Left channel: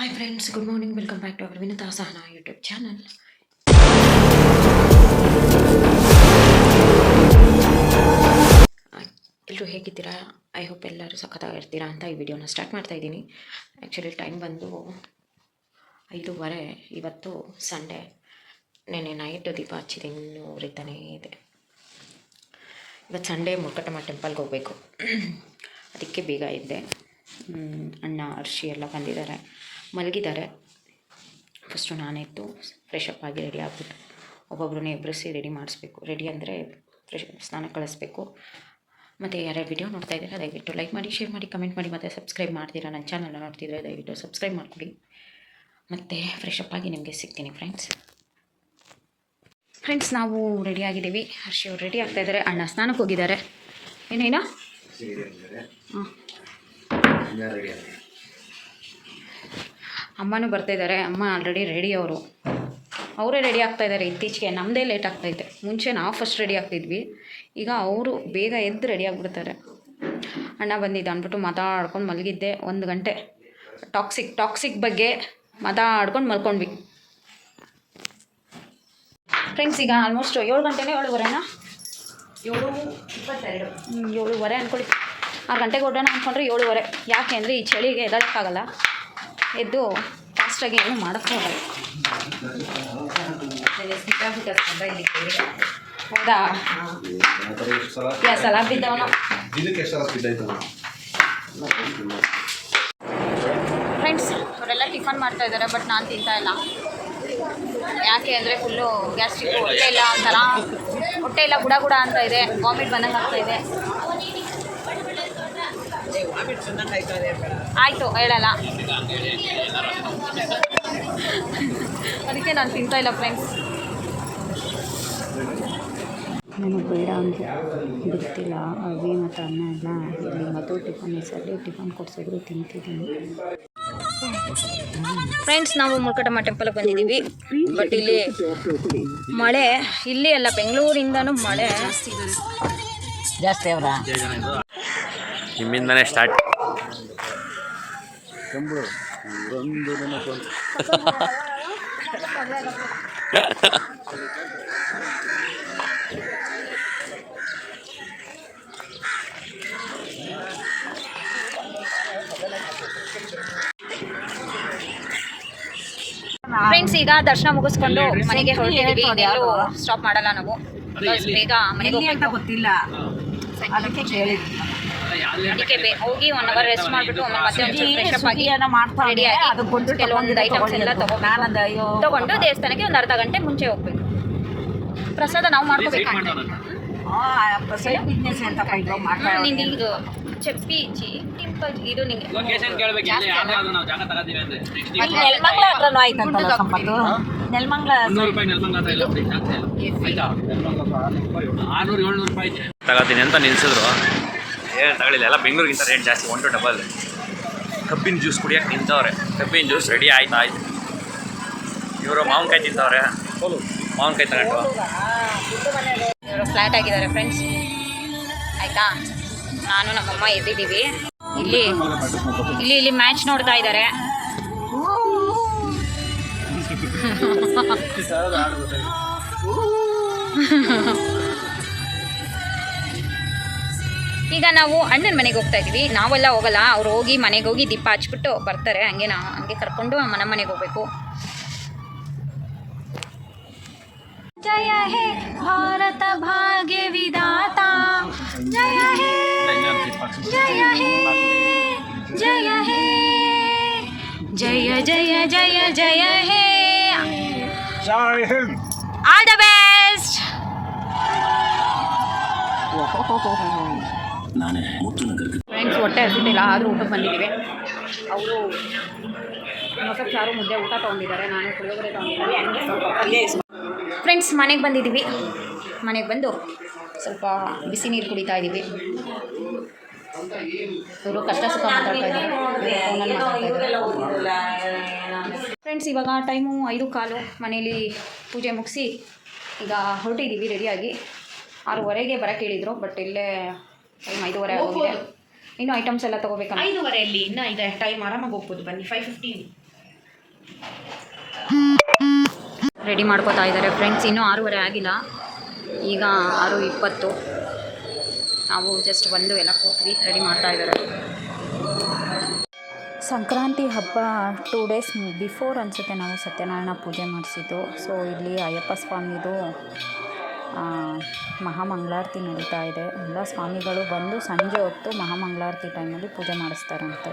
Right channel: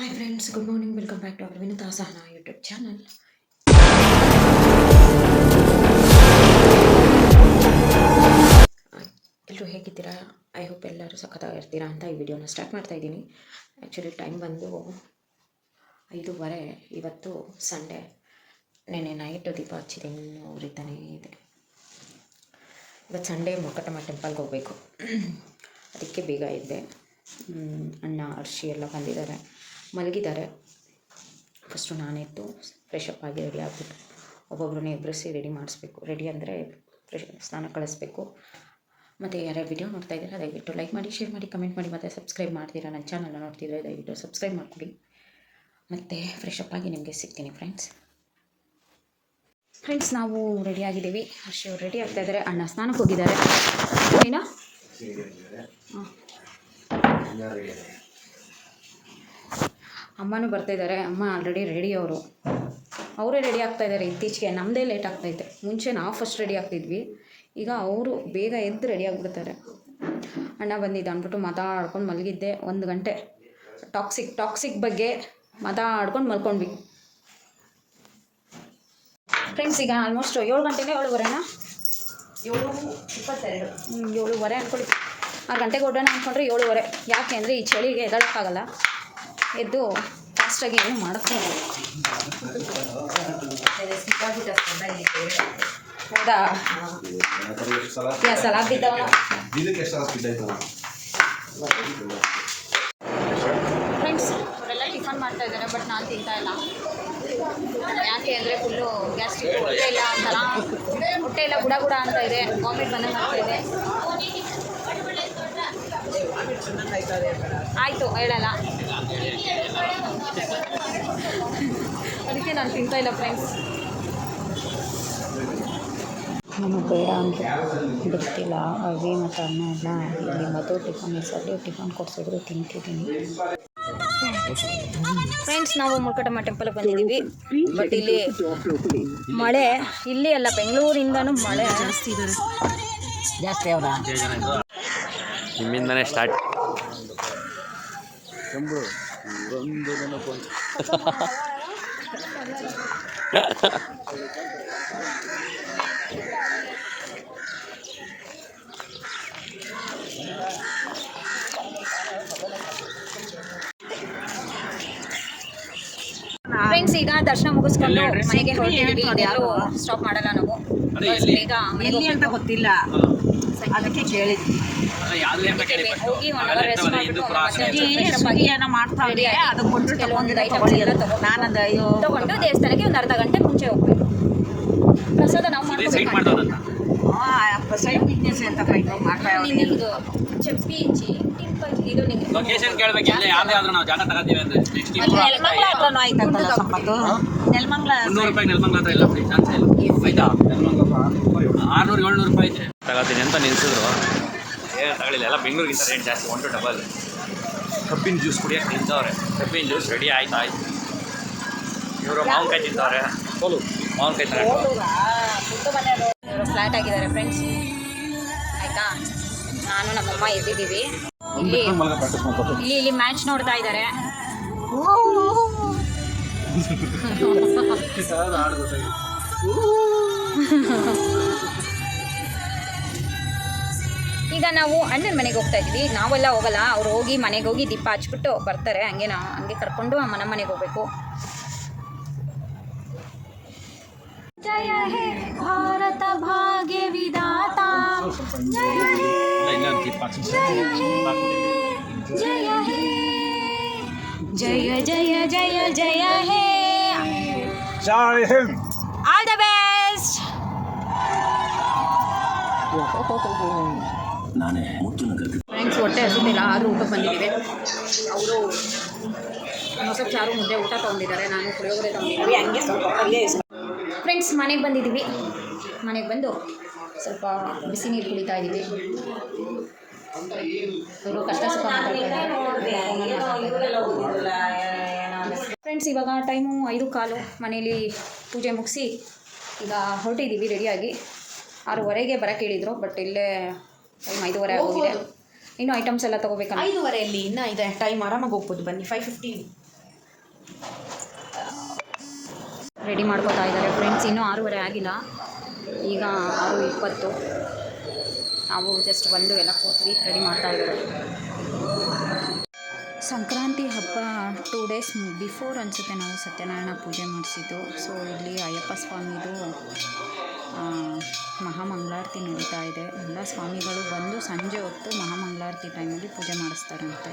Hi friends, good morning. Welcome back to our Vinita Sahana YouTube channel. ಎಲ್ಲರೂ ಹೇಗಿದ್ದೀರಾ? I hope ಎಲ್ಲರೂ ಸಖತ್ತಾಗಿರ್ತೀರಾ ಅಂತ ಈ ವಿಡಿಯೋನ ಸ್ಟಾರ್ಟ್ ಮಾಡ್ತಾ ಇದ್ದೀನಿ. ಆ್ಯಕ್ಚುಲಿ ಟೈಮ್ ಬಂದು 5:15. ಇವತ್ತು ಸಂಡೇ. ನೆನ್ನೆ ನೈಟು ದೀಪ ಹಚ್ಚಿದೆ, ಇನ್ನೂ ಉರಿತಾನೇ ಇದೆ. ಇವತ್ತು ಸಂಡೇ ಮುರುಘಟ್ಟಮ್ಮ ಟೆಂಪಲ್ಗೆ ಹೋಗಬೇಕು, ಅದಕ್ಕೆ ಬೇಗ ಇದ್ದೆ. ಅಣ್ಣ ಅರ್ಷಿ ಎಲ್ಲ ಬಂದಿದ್ದಾರೆ, ಮಲಗಿದ್ದಾರೆ. ಫಸ್ಟು ನಾನೆದ್ದು ಫ್ರೆಶ್ ಅಪ್ ಆಗಿ ರೆಡಿ ಆಗ್ಬಿಟ್ಟು ಒಬ್ಬೊಬ್ಬರನ್ನೇ ಎಬ್ಬರಿಸಿ ರೆಡಿ ಮಾಡಿಸ್ಬೇಕು. ರೆಡಿ ಅಂದರೆ ಸ್ನಾನ ಕಳಿಸ್ಬೇಕು. ಮತ್ತು ಯಾರ್ಯಾರು ವಿಡಿಯೋ ನೋಡ್ತಾ ಇದ್ದಾರೆ ದಯವಿಟ್ಟು ಲೈಕ್ ಮಾಡಿ, ಶೇರ್ ಮಾಡಿ, ಕಮೆಂಟ್ ಮಾಡಿ, ಮತ್ತು ಸಬ್ಸ್ಕ್ರೈಬ್ ಮಾಡ್ತೀರಾ. ನನ್ನ ಚಾನಲ್ನ ನೋಡ್ತಿದ್ರೆ ದಯವಿಟ್ಟು ಸಬ್ಸ್ಕ್ರೈಬ್ ಮಾಡಿಕೊಡಿ. ಮತ್ತು ಫ್ರೆಶ್ ಅಪ್ ಆಗಿ ನಿಮಗೆ ಸಿಗ್ತೀನಿ ಫ್ರೆಂಡ್ಸ್. ನಾವು ರೆಡಿಯಾಗಿದ್ದೀವಿ. ಹರ್ಷಿ ಅವ್ರು ರೆಡಿ ಆಗ್ತಾಯಿದ್ದಾರೆ, ಅಣ್ಣ ಸ್ನಾನಕ್ಕೆ ಹೋಗಿದ್ದಾರೆ. ಏನೋ ಅಮ್ಮನೂ ಬರ್ತಾಯಿದ್ದಾರೆ. ಅಮ್ಮ ಆಲ್ರೆಡಿ ರೆಡಿ, ಅವರೇ ರೆಡಿ ಆಗ್ತಾಯಿದ್ದಾರೆ. ಇತ್ತೀಚೆಗೆ ನಮ್ಮದೇ ಲೇಟ್ ಆಗ್ತೈತೆ. ಮುಂಚೆ ನಾವು ಫಸ್ಟ್ ರೆಡಿ ಆಗ್ತಿದ್ವಿ, ಈಗ ಅವರು ಬೇಗ ಎದ್ದು ರೆಡಿ ಆಗಿಬಿಡ್ತಾರೆ. ಅಣ್ಣ ಬಂದಿದ್ದ ಅಂದ್ಬಿಟ್ಟು ಮಾತಾಡ್ಕೊಂಡು ಮಲಗಿದ್ದೆ 1 ಗಂಟೆ. ಟಾಕ್ಸಿಕ್ ಬಗ್ಗೆ ಮಾತಾಡ್ಕೊಂಡು ಮಲ್ಕೊಂಡ್ವಿ ಫ್ರೆಂಡ್ಸ್. ಈಗ ಆಲ್ಮೋಸ್ಟ್ 7 ಗಂಟೆನೇ, 7:15 7:22 ಅಂದ್ಕೊಳ್ಳಿ. 6 ಗಂಟೆಗೆ ಹೊರಡೋಣ ಅಂದ್ಕೊಂಡ್ರೆ 7:15. ಯಾಕೆ ಅಂದರೆ ಈ ಚಳಿಗೆ ಎದಳಕ್ಕಾಗಲ್ಲ, ಎದ್ದು ಫಾಸ್ಟಾಗಿ ಏನು ಮಾಡೋಕ್ಕೂ ಆಗಲ್ಲ. ಹೌದಾ? ಸಲ ಬಿದ್ದವನು ಫ್ರೆಂಡ್ಸ್. ಅವರೆಲ್ಲ ಟಿಫನ್ ಮಾಡ್ತಾ ಇದ್ದಾರೆ, ಬಟ್ ನಾನು ತಿಂತಾ ಇಲ್ಲ. ಯಾಕೆ ಅಂದರೆ ಫುಲ್ಲು ಗ್ಯಾಸ್ಟ್ರಿಕ್, ಹೊಟ್ಟೆ ಎಲ್ಲ ಗುಡ ಅಂತ ಇದೆ, ವಾಮಿಟ್ ಬಂದಂಗೆ ಆಗ್ತಾಯಿದೆ. ಆಯಿತು, ಹೇಳಲ್ಲ, ಅದಕ್ಕೆ ನಾನು ತಿಂತಾ ಇಲ್ಲ ಫ್ರೆಂಡ್ಸ್. ನನಗೆ ಬೇಡ ಅಂತ ಗೊತ್ತಿಲ್ಲ. ಅವಿ ಮತ್ತು ಅನ್ನ ಎಲ್ಲ ಇಲ್ಲಿ ಮದುವೆ ಟಿಫನ್ ಹೆಸರಲ್ಲಿ ಟಿಫನ್ ಕೊಡಿಸಿದ್ರು, ತಿಂತಿದ್ದೀನಿ ಫ್ರೆಂಡ್ಸ್. ನಾವು ಮುರುಘಟ್ಟಮ್ಮ ಟೆಂಪಲ್ಗೆ ಬಂದಿದ್ದೀವಿ, ಬಟ್ ಇಲ್ಲಿ ಮಳೆ, ಇಲ್ಲಿ ಅಲ್ಲ ಬೆಂಗಳೂರಿಂದನೂ ಮಳೆ ಜಾಸ್ತಿ. ಅವರ ನಿಮ್ಮಿಂದನೇ ಸ್ಟಾರ್ಟ್. ಫ್ರೆಂಡ್ಸ್, ಈಗ ದರ್ಶನ ಮುಗಿಸ್ಕೊಂಡು ಮನೆಗೆ ಹೊರಟಿದ್ದೀವಿ. ಇದೆಲ್ಲೂ ಸ್ಟಾಪ್ ಮಾಡಲ್ಲ ನಾವು, ಬೇಗ ಮನೆಗೆ ಹೋಗ್ಬೇಕು. ಗೊತ್ತಿಲ್ಲ, ಅದಕ್ಕೆ ಕೇಳಿದ್ವಿ. ಅದಕ್ಕೆ ಹೋಗಿ 1 ಅವರ್ ರೆಸ್ಟ್ ಮಾಡಿಬಿಟ್ಟು ಆಮೇಲೆ ಮತ್ತೆ ಒಂದು ಫ್ರೆಶ್ ಅಪ್ ಆಗಿ ರೆಡಿ ಆಗಿ ಕೆಲವೊಂದು ಐಟಮ್ಸ್ ಎಲ್ಲ ತಗೊಂಡು ದೇವಸ್ಥಾನಕ್ಕೆ ಒಂದು ಅರ್ಧ ಗಂಟೆ ಮುಂಚೆ ಹೋಗ್ಬೇಕು. ಪ್ರಸಾದ ನಾವು ಮಾಡ್ಕೋಬೇಕು. ನಿಂಗೆ ಇದು ಚಪ್ಪಿ ಟಿಂಪಲ್ ಇದು ನಿಂಗೆ ತಗೋತೀನಿ ಅಂತ ನಿಲ್ಸಿದ್ರು. ಏನು ತಗೊಳ್ಳಿಲ್ಲ, ಎಲ್ಲ ಬೆಂಗಳೂರಿಗಿಂತ ರೇಟ್ ಜಾಸ್ತಿ, 1 to 2. ಕಬ್ಬಿನ ಜ್ಯೂಸ್ ಕುಡಿಯೋಕೆ ನಿಂತವ್ರೆ. ಕಬ್ಬಿನ ಜ್ಯೂಸ್ ರೆಡಿ ಆಯ್ತು. ಇವರು ಮಾವಿನಕಾಯಿ ತಿಂತವ್ರೆ, ಮಾವಿನಕಾಯಿ ತಗೊಂಡು ಇವರು ಫ್ಲಾಟ್ ಆಗಿದ್ದಾರೆ ಫ್ರೆಂಡ್ಸ್. ಆಯಿತಾ, ನಾನು ನಮ್ಮಮ್ಮ ಎದ್ದಿದ್ದೀವಿ. ಇಲ್ಲಿ ಮ್ಯಾಚ್ ನೋಡ್ತಾ ಇದ್ದಾರೆ. ಈಗ ನಾವು ಅಣ್ಣನ ಮನೆಗೆ ಹೋಗ್ತಾ ಇದ್ದೀವಿ. ನಾವೆಲ್ಲ ಹೋಗಲ್ಲ, ಅವ್ರು ಹೋಗಿ ಮನೆಗೆ ಹೋಗಿ ದೀಪ ಹಚ್ಬಿಟ್ಟು ಬರ್ತಾರೆ. ಹಂಗೆ ಕರ್ಕೊಂಡು ನಮ್ಮ ಮನೆಗೆ ಹೋಗ್ಬೇಕು. ಜಯ ಹೇ ಭಾರತ ಭಾಗ್ಯ ವಿಧಾತ, ಜಯ ಹೇ ಜಯ ಹೇ ಜಯ ಹೇ ಜಯ ಜಯ ಜಯ ಜಯ ಹೇ, ಆಲ್ ದ ಬೆಸ್ಟ್. ಫ್ರೆಂಡ್ಸ್, ಹೊಟ್ಟೆ ಹಸಿತಿಲ್ಲ, ಆದರೂ ಊಟಕ್ಕೆ ಬಂದಿದ್ದೀವಿ. ಅವರು ಮೊಸರು ಚಾರು ಮುದ್ದೆ ಊಟ ತೊಗೊಂಡಿದ್ದಾರೆ, ನಾನು ಪುಳಿಯೋಗರೆ ತೊಗೊಂಡಿದ್ದೀವಿ. ಹಂಗೆ ಸ್ವಲ್ಪ ಪಲ್ಯ. ಫ್ರೆಂಡ್ಸ್, ಮನೆಗೆ ಬಂದಿದ್ದೀವಿ. ಮನೆಗೆ ಬಂದು ಸ್ವಲ್ಪ ಬಿಸಿ ನೀರು ಕುಡಿತಾ ಇದ್ದೀವಿ. ಇವರು ಕಷ್ಟ ಸುಖ ಮಾತಾಡ್ತಾ ಇದ್ದಾರೆ ಫ್ರೆಂಡ್ಸ್. ಇವಾಗ ಟೈಮು 5:15. ಮನೇಲಿ ಪೂಜೆ ಮುಗಿಸಿ ಈಗ ಹೊರಟಿದ್ದೀವಿ ರೆಡಿಯಾಗಿ. 6:15ಗೆ ಬರೋಕ್ಕೆ ಹೇಳಿದರು, ಬಟ್ ಇಲ್ಲೇ ಟೈಮ್ 5:15 ಆಗೋಗಿದೆ. ಇನ್ನೂ ಐಟಮ್ಸ್ ಎಲ್ಲ ತೊಗೋಬೇಕಲ್ಲ. 5:15 ಇನ್ನೂ ಇದೆ ಟೈಮ್, ಆರಾಮಾಗಿ ಹೋಗ್ಬೋದು. ಬನ್ನಿ, 5:15 ರೆಡಿ ಮಾಡ್ಕೋತಾ ಇದ್ದಾರೆ ಫ್ರೆಂಡ್ಸ್. ಇನ್ನೂ 6:30 ಆಗಿಲ್ಲ, ಈಗ 6:20. ನಾವು ಜಸ್ಟ್ ಬಂದು ಎಲ್ಲ ಕೂತ್ವಿ, ರೆಡಿ ಮಾಡ್ತಾ ಇದ್ದಾರೆ. ಸಂಕ್ರಾಂತಿ ಹಬ್ಬ 2 ಡೇಸ್ ಬಿಫೋರ್ ಅನಿಸುತ್ತೆ ನಾವು ಸತ್ಯನಾರಾಯಣ ಪೂಜೆ ಮಾಡಿಸಿದ್ದು. ಸೊ ಇಲ್ಲಿ ಅಯ್ಯಪ್ಪ ಸ್ವಾಮಿದು ಮಹಾಮಂಗಳಾರತಿ ನಡೀತಾ ಇದೆ. ಎಲ್ಲ ಸ್ವಾಮಿಗಳು ಬಂದು ಸಂಜೆ ಹೊತ್ತು ಮಹಾಮಂಗಳಾರತಿ ಟೈಮಲ್ಲಿ ಪೂಜೆ ಮಾಡಿಸ್ತಾರಂತೆ.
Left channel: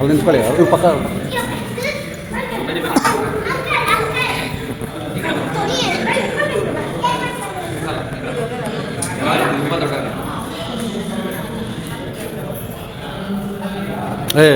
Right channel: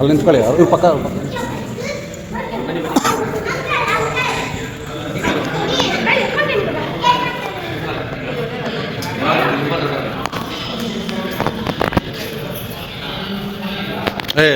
ಅಲ್ಲಿ ನಿಂತ್ಕೊಳ್ಳಿ, ಅವ್ರಿಗೆ ಪಕ್ಕ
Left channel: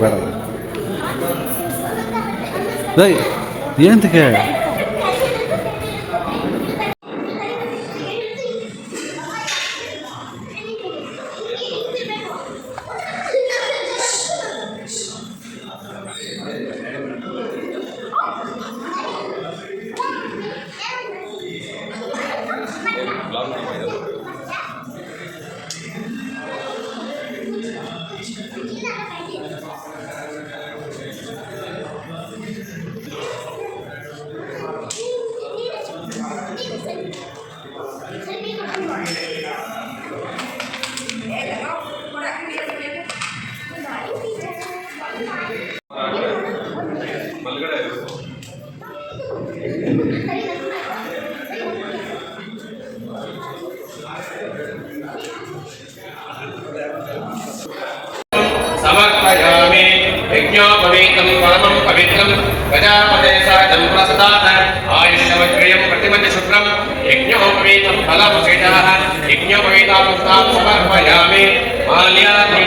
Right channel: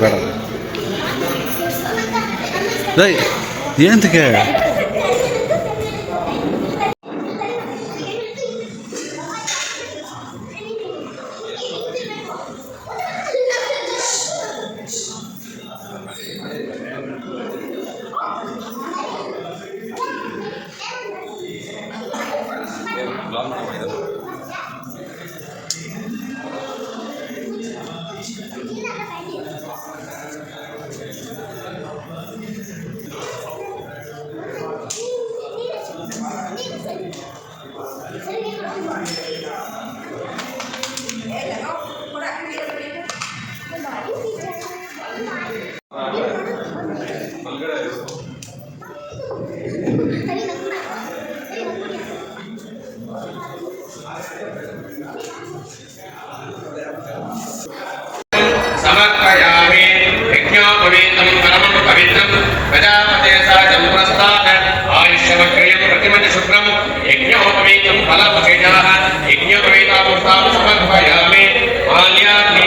ಬೇಡ ಏನಂತಕ್ಕೆ समर्पयामि यज्ञोपवीतं परमं पवित्रं प्रजापते सादं प्रस्तात् आयुष्यवक्रियं प्रतिमति शुभ्रं यज्ञोपवीतं फलमुषितः यज्ञोपवीतापुष्पां समर्पयामि माल्याग्नि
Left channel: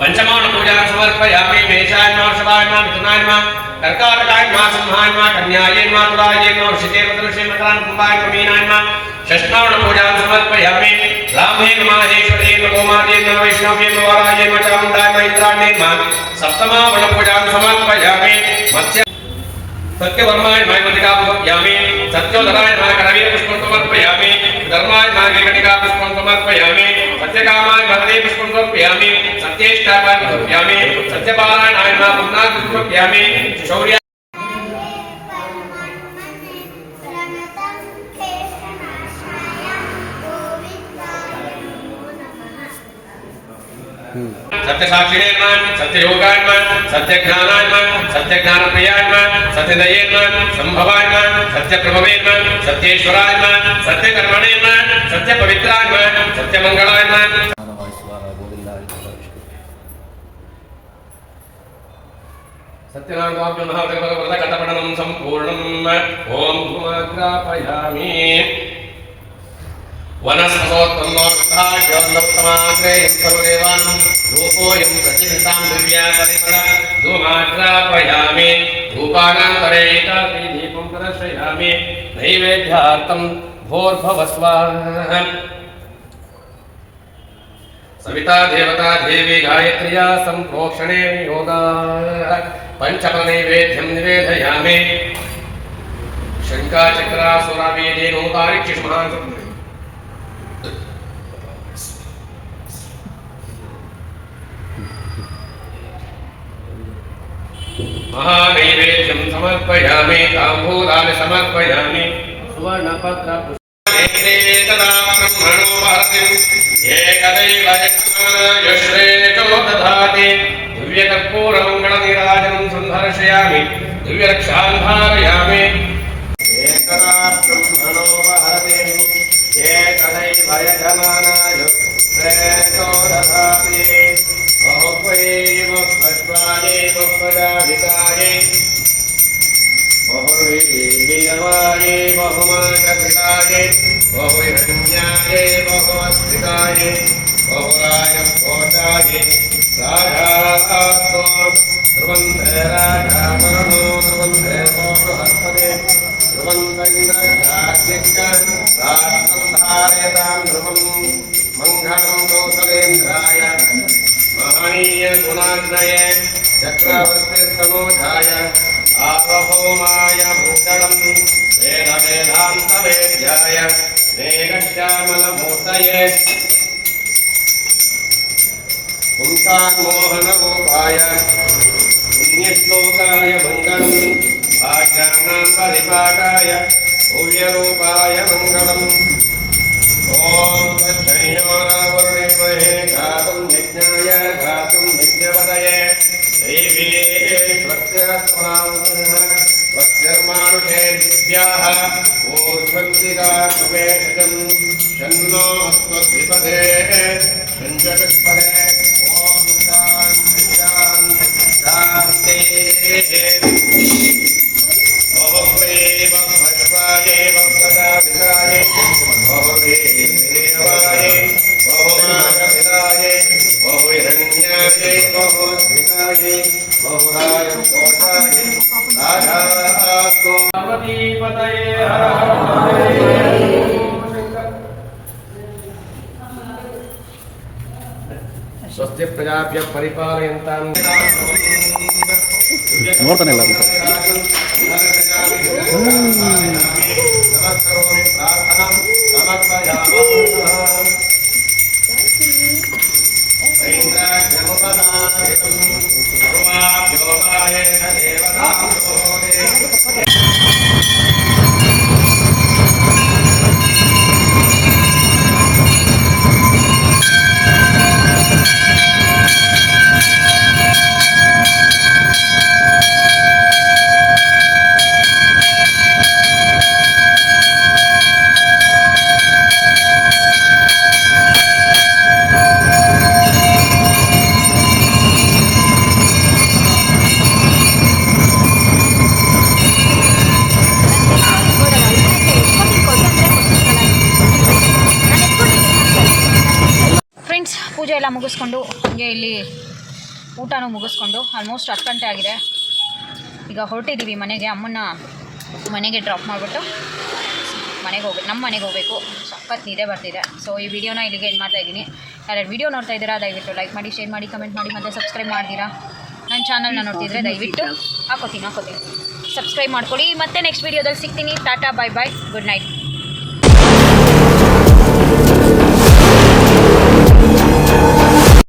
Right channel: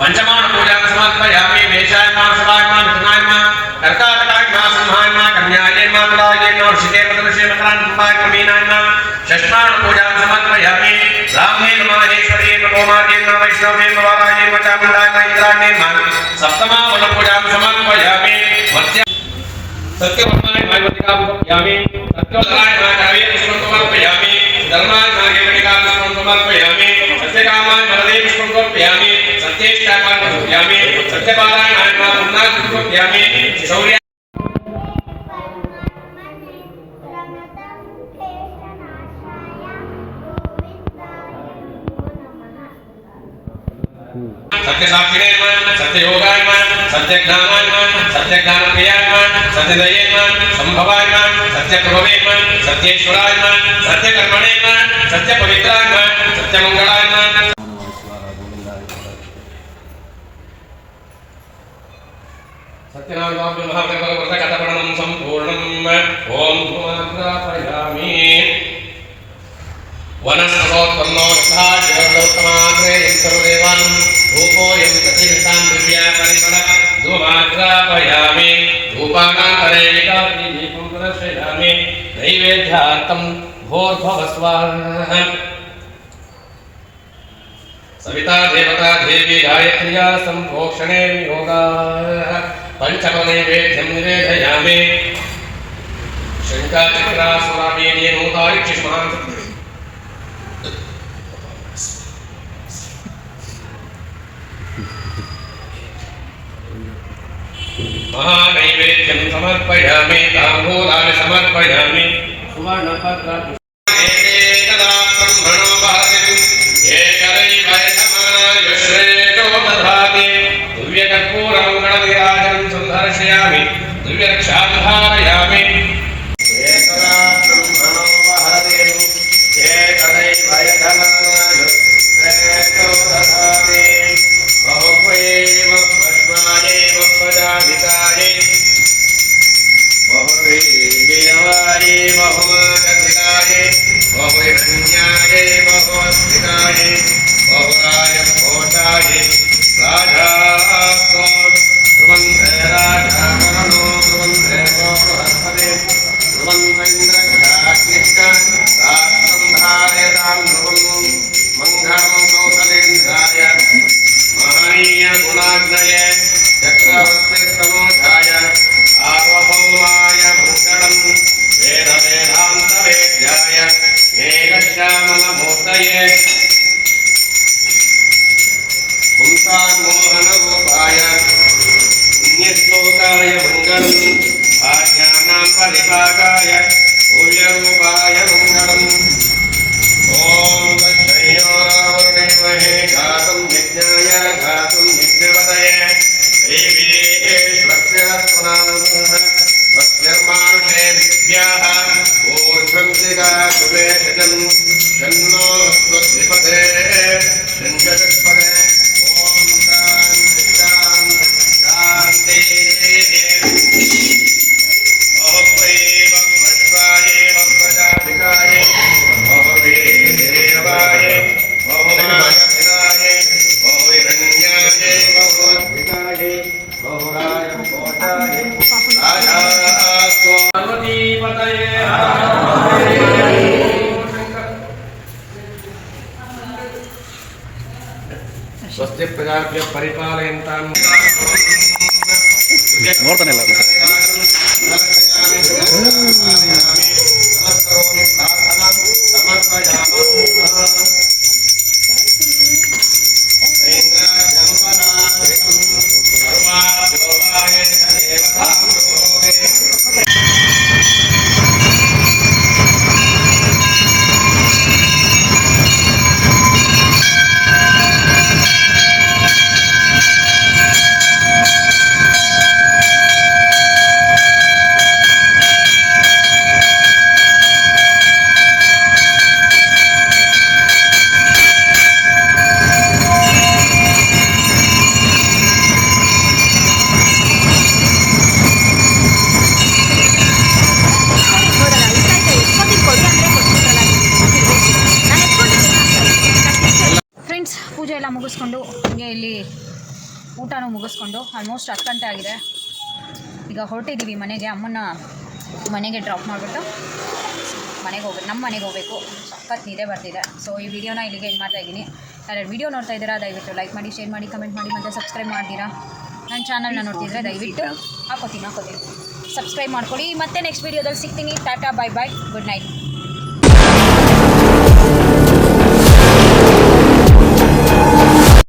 पंचमान पूजा समर्पयामि मेषायन्मा शिवायन्मा मिथुनायन्मा कर्काटकायन्मा सिंहायन्मा कन्यायन्मा तुलायन्मा वृषिकेन्द्रश्रीमकरान्कुम्भायन्मा मीनायन्मा षष्ठान पूजा समर्पयामि ब्राह्मेण माहेश्वरेण गोमार्गेण वैष्णवेन वारायेण चामुण्डायन इंद्राणेन सप्तमावण पूजा समर्पयामि मत्स्य सत्यवर्माय मायवतिका समर्पयामि सत्योदराय नागरवीर पुष्पं समर्पयामि धर्माय मार्गे कटिका पुष्पं समर्पयामि सत्यकामाय भरदे पुष्पं समर्पयामि सत्येष्टापाय समर्पयामि सत्यपारायणाय पुण्णाय समर्पयामि शौर्य सत्यसाक्षिणे सत्ययोगाय सत्यज्ञानाय सत्यज्ञानप्रियाय सत्यदये संभवाय सत्यप्रभवे सत्येश्वराय सत्यकर्मणे सत्यपवित्राय सत्यमंगलाय सत्यनारायण महादेवव्रतकटपणं सम्पूर्णम् ओम भूमाग्रापयामि वनस्पतोत्पन्नो यथाज्योतिर्गौतमाग्रे सर्वदेवान् धूपोऽयं प्रतिनितां दिव्या परिमळ धूमाग्रापयामि धूपानान्तरे एकाकी दीपं प्रदर्शयामि नैवेद्यार्थं भोर्भवस्वाहा सविता देवता देवी गायत्र्या सम्प्रोक्षणे योगाः पञ्चमनैवेद्यं निवेदयामि शङ्काचक्रासुरामेदेनोतारिक्षिष्मान् महानैवेद्यं समर्पयामि ताम्बूलानि समर्पयामि सुवर्णपत्र एकदा ब्रह्मणो भातिम् एकदैव यश्रेतो दधाति दिव्यकर्पूरमङ्गलनीराजनं सुन्दर्शयामि दिव्यरक्षां धारयामि एकदा ब्रह्मणो भातिम् एकदैव यश्रेतो दधाति बहुवैव भस्मायैव प्रजाभितायै बहुवैव बहु बहुमागधिकाय बहुहिरण्याय बहुस्थिताय बहुराय कोटाय राजास्तो ध्रुवन्ते राजाकरणो ध्रुवन्ते बृहस्पति ध्रुवन्तैन्द्रजाग्निष्ठां ध्रुवं मङ्गलं कौसलेन्द्राय महनीय गुणाग्नये चक्रवर्तिस्तनोजाय सार्वभौमाय मङ्गलं वेदवेदान्तवेद्याय मेघश्यामलमूर्तये पुंसान्मोहनरूपाय पुण्यश्लोकाय मङ्गलम् आज्ञानां परिपाकाय भूयरूपाय मङ्गलम् ॐ दक्षिणोरावृणीमहे घातुं यज्ञाय घातुं यज्ञपदये स्वस्तिर्मानुषेभ्यः ऊर्ध्वंसिका सुवेशजं शन्नो स्वस्तिपदे शञ्चतुष्पदे ॐ शान्ति शान्ति शान्तिः बहुवे बहुभद्राय बहुप्रजापिताय बहुवीर्यवाय बहुनागपिताय बहुहिरण्याय बहुअद्भिताय बहुराय कोटाय राजास्तो पार्वतीपतये स्वस्ति प्रजाभ्यः परिपालयन्तां ನೋಡ್ತಾನೆ ಇಲ್ಲ ಅದು. नमस्करोमि प्रार्थना समर्पयामः ಪೂಜೆ ಎಲ್ಲ ಮುಗಿಸ್ಕೊಂಡು ಹಾಗೆ ಇಲ್ಲಿ ಊಟನೂ ಮುಗಿಸ್ಕೊಂಡು ಆಲ್ಮೋಸ್ಟ್ 10 ಗಂಟೆ ಆಗಿದೆ. ಈಗ ಹೊರಟಿದ್ದೀವಿ ಮನೆಗೆ. ಅಮ್ಮನ ಮನೆಗೆ ಡ್ರಾಪ್ ಮಾಡಿಬಿಟ್ಟು ನಮ್ಮ ಮನೆಗೆ ಹೋಗಬೇಕು. ಸಖತ್ ನಿದ್ದೆ ಬರ್ತಿದೆ. ಸೊ ಈ ವಿಡಿಯೋನ ಇಲ್ಲಿಗೆ ಎಂಡ್ ಮಾಡ್ತಾ ಇದ್ದೀನಿ. ಯಾರ್ಯಾರು ವಿಡಿಯೋ ನೋಡ್ತಾ ಇದ್ದೀರಾ ದಯವಿಟ್ಟು ಲೈಕ್ ಮಾಡಿ, ಶೇರ್ ಮಾಡಿ, ಕಮೆಂಟ್ ಮಾಡಿ, ಮತ್ತು ಸಬ್ಸ್ಕ್ರೈಬ್ ಮಾಡ್ತೀರಾ. ನನ್ನ ಚಾನಲ್ನ ನೋಡ್ತಿದ್ರೆ ದಯವಿಟ್ಟು ಹಾಕೋತೀನಿ ಸಬ್ಸ್ಕ್ರೈಬ್ ಮಾಡ್ಕೊಳ್ಳಿ. ಮತ್ತೆ ನೆಕ್ಸ್ಟ್ ವಿಡಿಯೋದಲ್ಲಿ ಸಿಗ್ತೀನಿ. Tata, bye bye, good night.